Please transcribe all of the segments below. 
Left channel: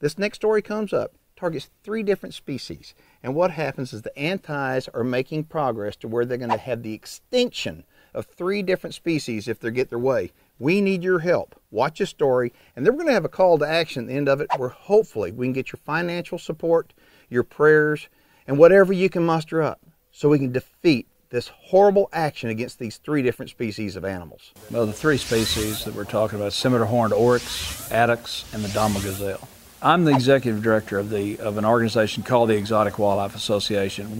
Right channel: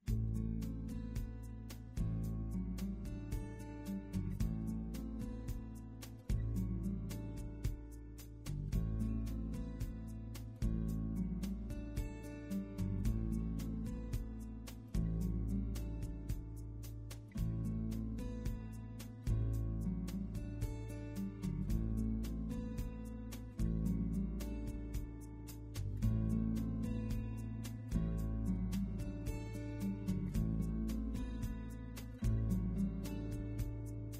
This next story comes up, targets 3 different species. And what happens is the antis are making progress to where they're going to have the extinction of 3 different species if they get their way. We need your help. Watch this story, and then we're going to have a call to action at the end of it where hopefully we can get your financial support, your prayers, and whatever you can muster up so we can defeat this horrible action against these 3 different species of animals. Well, the 3 species that we're talking about, Scimitar-Horned oryx, addax, and the Dama gazelle. I'm the executive director of an organization called the Exotic Wildlife Association.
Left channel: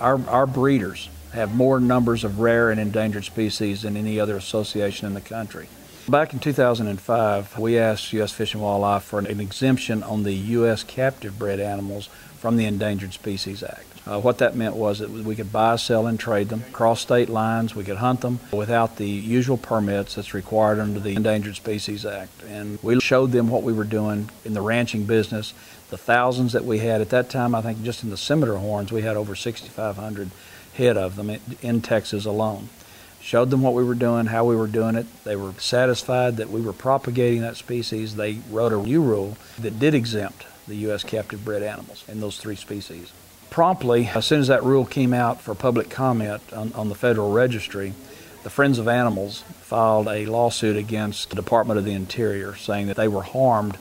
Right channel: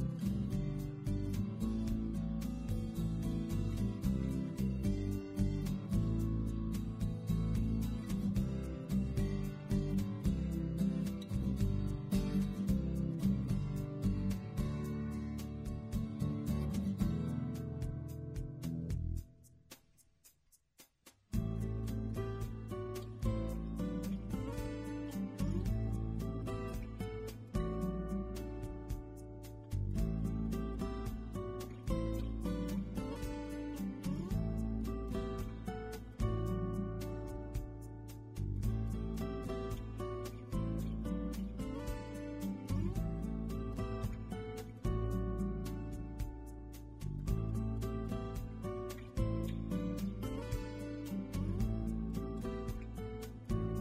Our breeders have more numbers of rare and endangered species than any other association in the country. Back in 2005, we asked U.S. Fish and Wildlife for an exemption on the U.S. captive bred animals from the Endangered Species Act. What that meant was that we could buy, sell, and trade them across state lines. We could hunt them without the usual permits that's required under the Endangered Species Act. And we showed them what we were doing in the ranching business, the thousands that we had. At that time, I think just in the Scimitar-Horns, we had over 6,500 head of them in Texas alone. Showed them what we were doing, how we were doing it. They were satisfied that we were propagating that species. They wrote a new rule that did exempt the U.S. captive bred animals in those 3 species. Promptly, as soon as that rule came out for public comment on the Federal Registry, the Friends of Animals filed a lawsuit against the Department of the Interior saying that they were harmed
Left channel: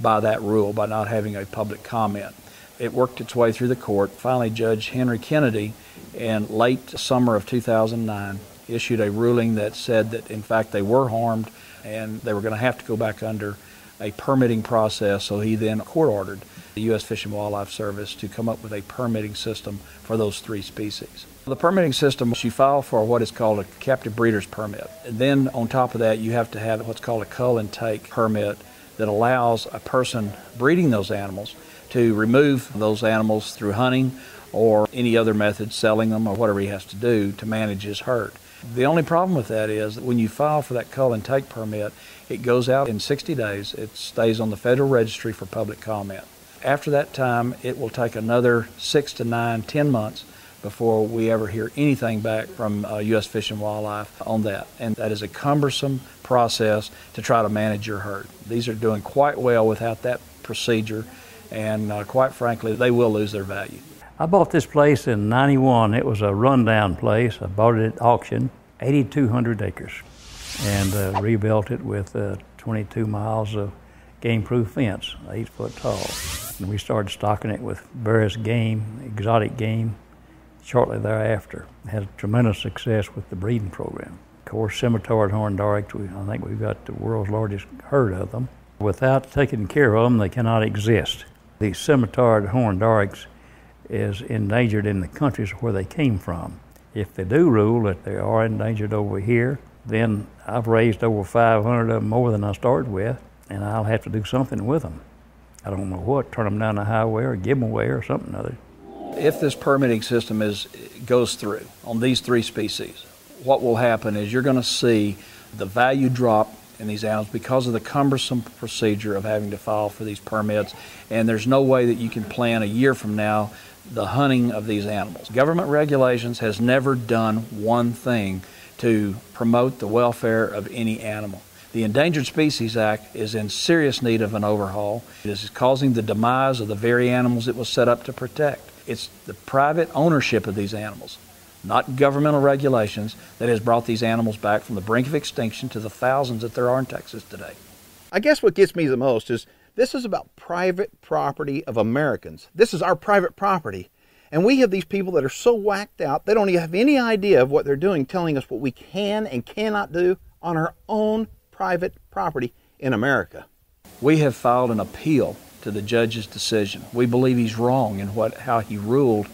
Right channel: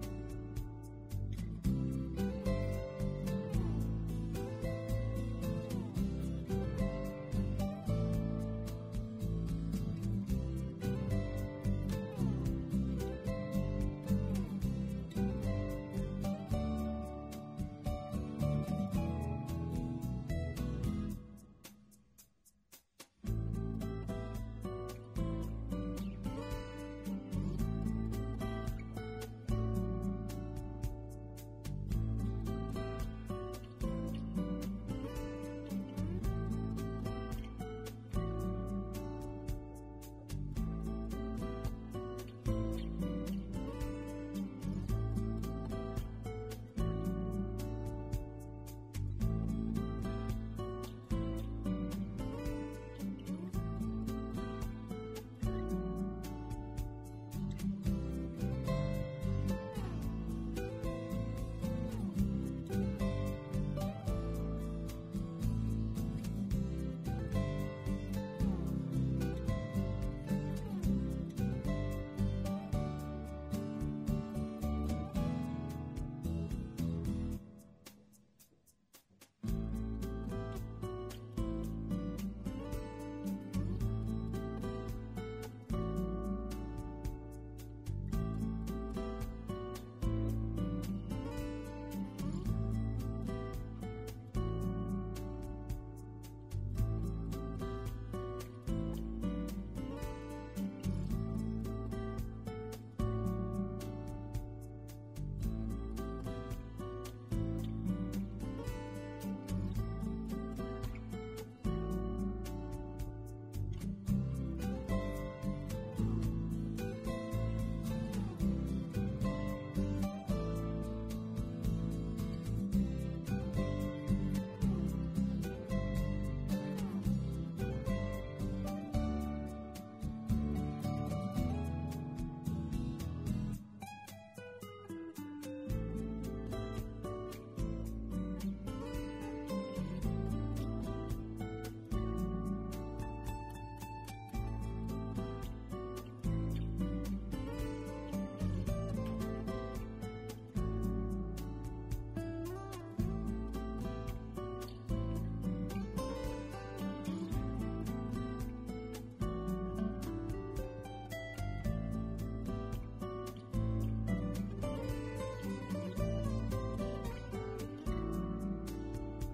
by that rule, by not having a public comment. It worked its way through the court. Finally, Judge Henry Kennedy, in late summer of 2009, issued a ruling that said that in fact they were harmed and they were going to have to go back under a permitting process. So he then court-ordered the U.S. Fish and Wildlife Service to come up with a permitting system for those 3 species. The permitting system, you file for what is called a captive breeder's permit. And then on top of that, you have to have what's called a cull and take permit that allows a person breeding those animals to remove those animals through hunting or any other method, selling them or whatever he has to do to manage his herd. The only problem with that is that when you file for that cull and take permit, it goes out in 60 days. It stays on the Federal Registry for public comment. After that time, it will take another 6 to 9, 10 months before we ever hear anything back from U.S. Fish and Wildlife on that. And that is a cumbersome process to try to manage your herd. These are doing quite well without that procedure, and quite frankly, they will lose their value. I bought this place in '91. It was a rundown place. I bought it at auction, 8,200 acres, and rebuilt it with 22 miles of game-proof fence, 8 foot tall. And we started stocking it with various game, exotic game, shortly thereafter. Had tremendous success with the breeding program. Of course, Scimitar-Horned oryx, I think we've got the world's largest herd of them. Without taking care of them, they cannot exist. The Scimitar-Horned oryx is endangered in the countries where they came from. If they do rule that they are endangered over here, then I've raised over 500 of them, more than I started with, and I'll have to do something with them. I don't know what, turn them down the highway or give them away or something other. If this permitting system goes through on these 3 species, what will happen is you're going to see the value drop in these animals because of the cumbersome procedure of having to file for these permits, and there's no way that you can plan a year from now the hunting of these animals. Government regulations has never done one thing to promote the welfare of any animal. The Endangered Species Act is in serious need of an overhaul. It is causing the demise of the very animals it was set up to protect. It's the private ownership of these animals, not governmental regulations, that has brought these animals back from the brink of extinction to the thousands that there are in Texas today. I guess what gets me the most is this is about private property of Americans. This is our private property. And we have these people that are so whacked out, they don't even have any idea of what they're doing, telling us what we can and cannot do on our own private property in America. We have filed an appeal to the judge's decision. We believe he's wrong in how he ruled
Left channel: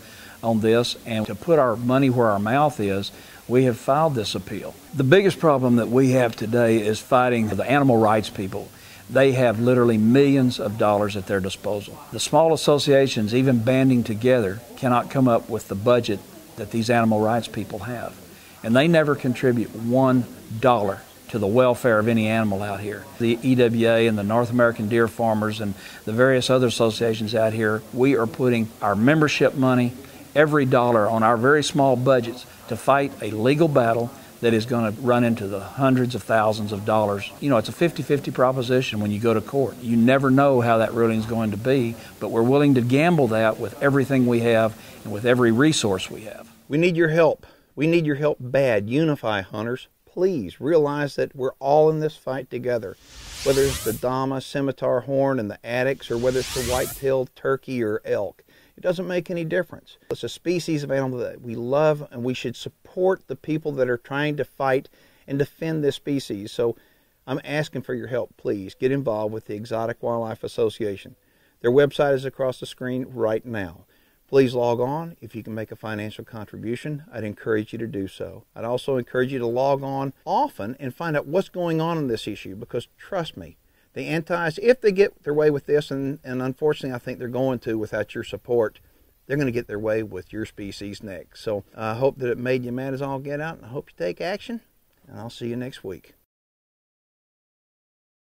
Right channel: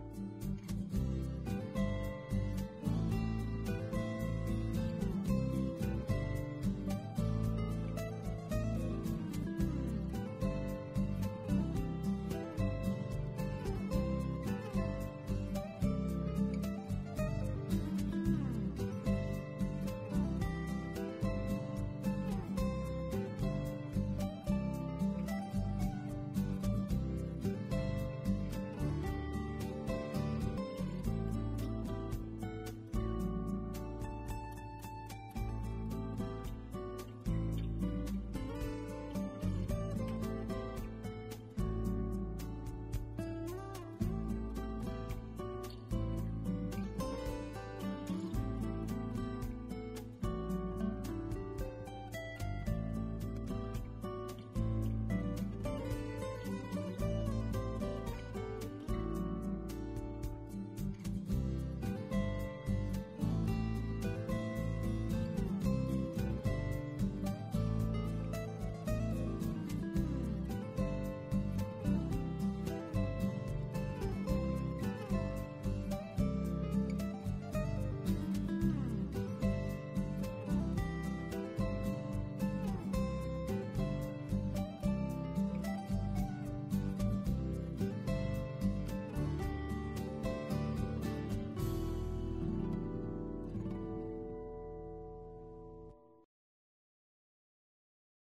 on this, and to put our money where our mouth is, we have filed this appeal. The biggest problem that we have today is fighting the animal rights people. They have literally millions of dollars at their disposal. The small associations, even banding together, cannot come up with the budget that these animal rights people have. And they never contribute $1 to the welfare of any animal out here. The EWA and the North American Deer Farmers and the various other associations out here, we are putting our membership money, every dollar on our very small budgets to fight a legal battle that is going to run into the hundreds of thousands of dollars. You know, it's a 50-50 proposition when you go to court. You never know how that ruling is going to be, but we're willing to gamble that with everything we have and with every resource we have. We need your help. We need your help bad. Unify, hunters. Please realize that we're all in this fight together. Whether it's the Dama, Scimitar-Horned, and the Addax, or whether it's the white-tailed turkey or elk, it doesn't make any difference. It's a species of animal that we love, and we should support the people that are trying to fight and defend this species. So I'm asking for your help. Please get involved with the Exotic Wildlife Association. Their website is across the screen right now. Please log on. If you can make a financial contribution, I'd encourage you to do so. I'd also encourage you to log on often and find out what's going on in this issue, because trust me, the antis, if they get their way with this, and unfortunately I think they're going to without your support, they're going to get their way with your species next. So I hope that it made you mad as all get out, and I hope you take action, and I'll see you next week.